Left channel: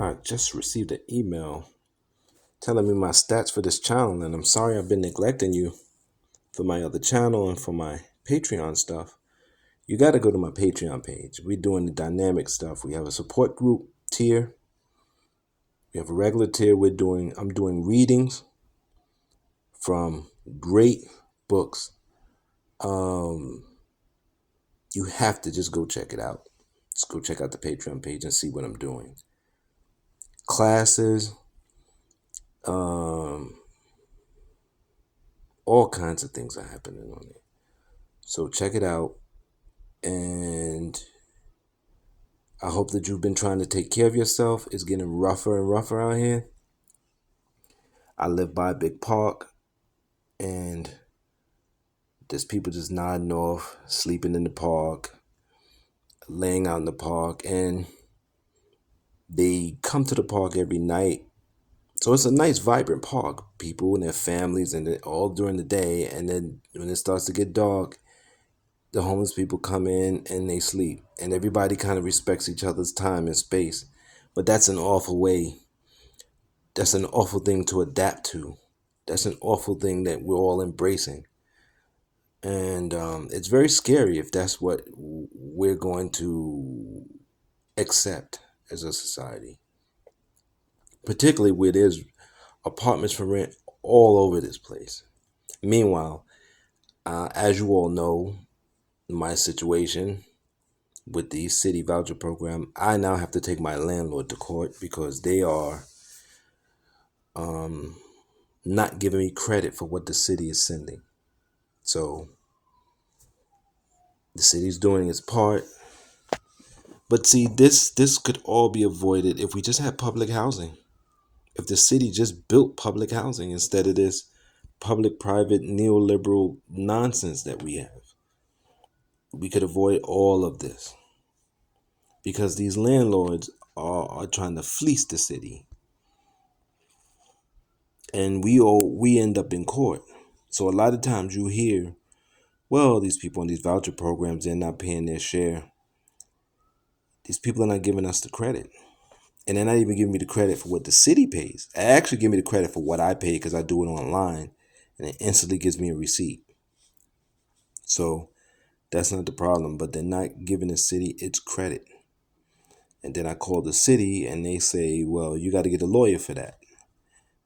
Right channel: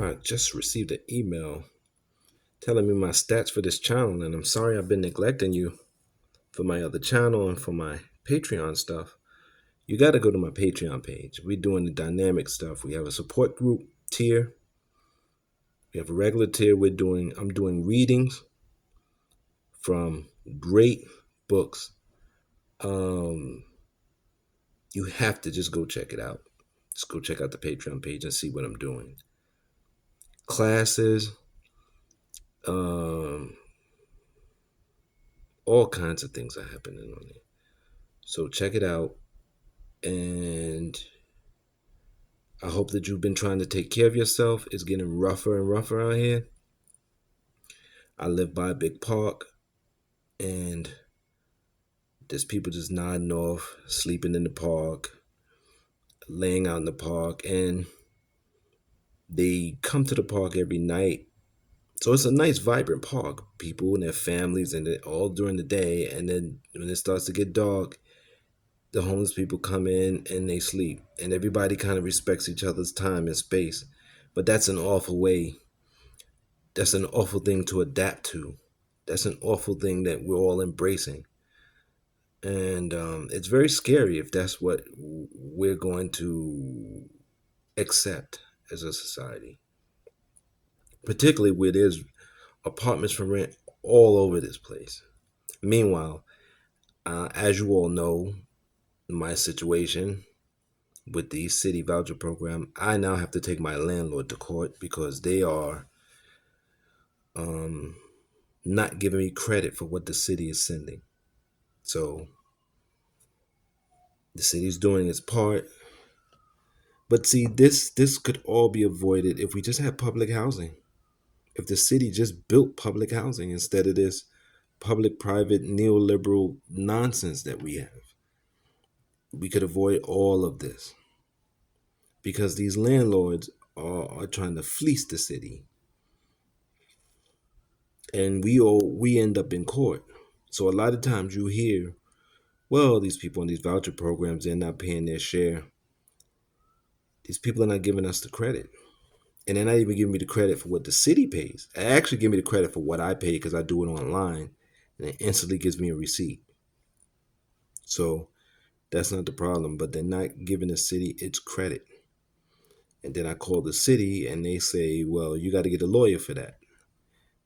I just received an email telling me my stats for this channel, and I'm sorry I've been neglecting you for my other channel and for my Patreon stuff. You got to go to my Patreon page. We're doing the dynamic stuff. We have a support group tier. We have a regular tier. I'm doing readings from great books. You have to just go check it out. Just go check out the Patreon page and see what I'm doing. Classes, all kinds of things are happening on it. So check it out. And I hope that you've been trying to take care of yourself. It's getting rougher and rougher out here. I live by a big park, and there's people just nodding off, sleeping in the park, laying out in the park, and they come to the park every night. So it's a nice, vibrant park. People and their families, and all during the day. And then when it starts to get dark, the homeless people come in and they sleep. And everybody kind of respects each other's time and space. But that's an awful way. That's an awful thing to adapt to. That's an awful thing that we're all embracing. And it's very scary if that's what we're going to accept as a society. Particularly where there's apartments for rent all over this place. Meanwhile, as you all know, my situation with the city voucher program, I now have to take my landlord to court because they are not giving me credit for what the city is sending. So the city's doing its part. But see, this could all be avoided if we just had public housing. If the city just built public housing instead of this public-private neoliberal nonsense that we have, we could avoid all of this. Because these landlords are trying to fleece the city. And we end up in court. So a lot of times you hear, well, these people on these voucher programs, they're not paying their share. These people are not giving us the credit. And they're not even giving me the credit for what the city pays. They actually give me the credit for what I pay because I do it online. And it instantly gives me a receipt. So that's not the problem. But they're not giving the city its credit. And then I call the city and they say, well, you got to get a lawyer for that.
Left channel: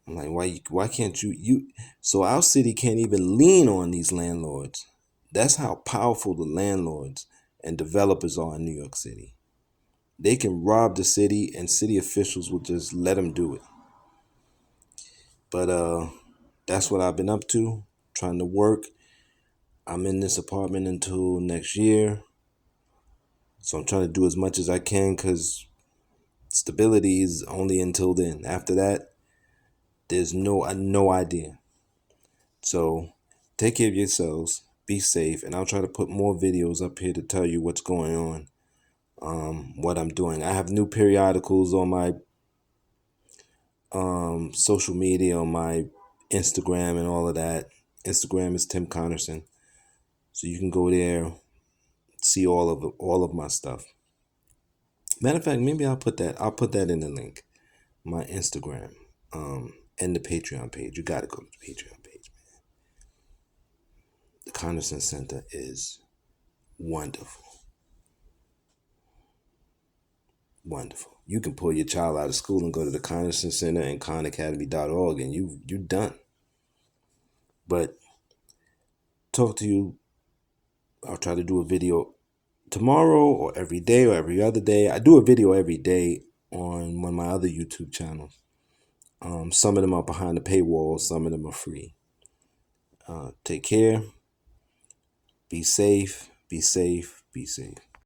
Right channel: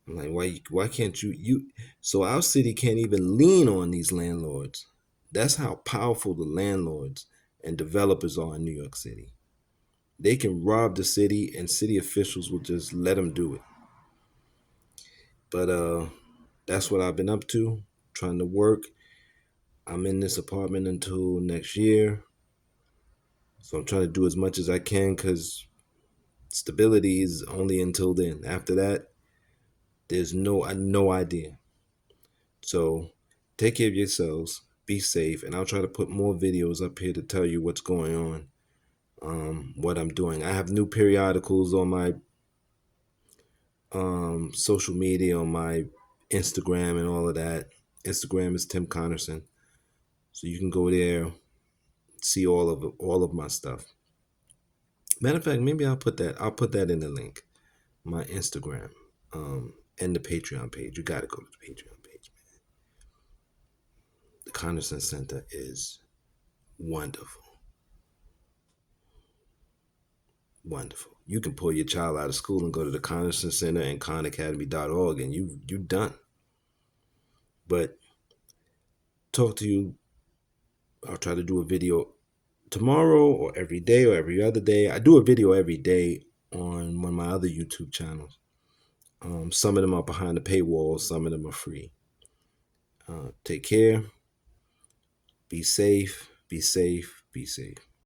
I'm like, why can't you? So our city can't even lean on these landlords. That's how powerful the landlords and developers are in New York City. They can rob the city and city officials will just let them do it. But that's what I've been up to, trying to work. I'm in this apartment until next year. So I'm trying to do as much as I can because stability is only until then. After that, there's no idea. So take care of yourselves, be safe, and I'll try to put more videos up here to tell you what's going on, what I'm doing. I have new periodicals on my social media, on my Instagram and all of that. Instagram is Tim Connerson. So you can go there, see all of my stuff. Matter of fact, maybe I'll put that in the link. My Instagram, and the Patreon page. You gotta go to the Patreon page, man. The Connerson Center is wonderful. Wonderful. You can pull your child out of school and go to the Connerson Center and khanacademy.org and you're done. But talk to you. I'll try to do a video tomorrow or every day or every other day. I do a video every day on one of my other YouTube channels. Some of them are behind the paywall. Some of them are free. Take care. Be safe. Be safe. Be safe.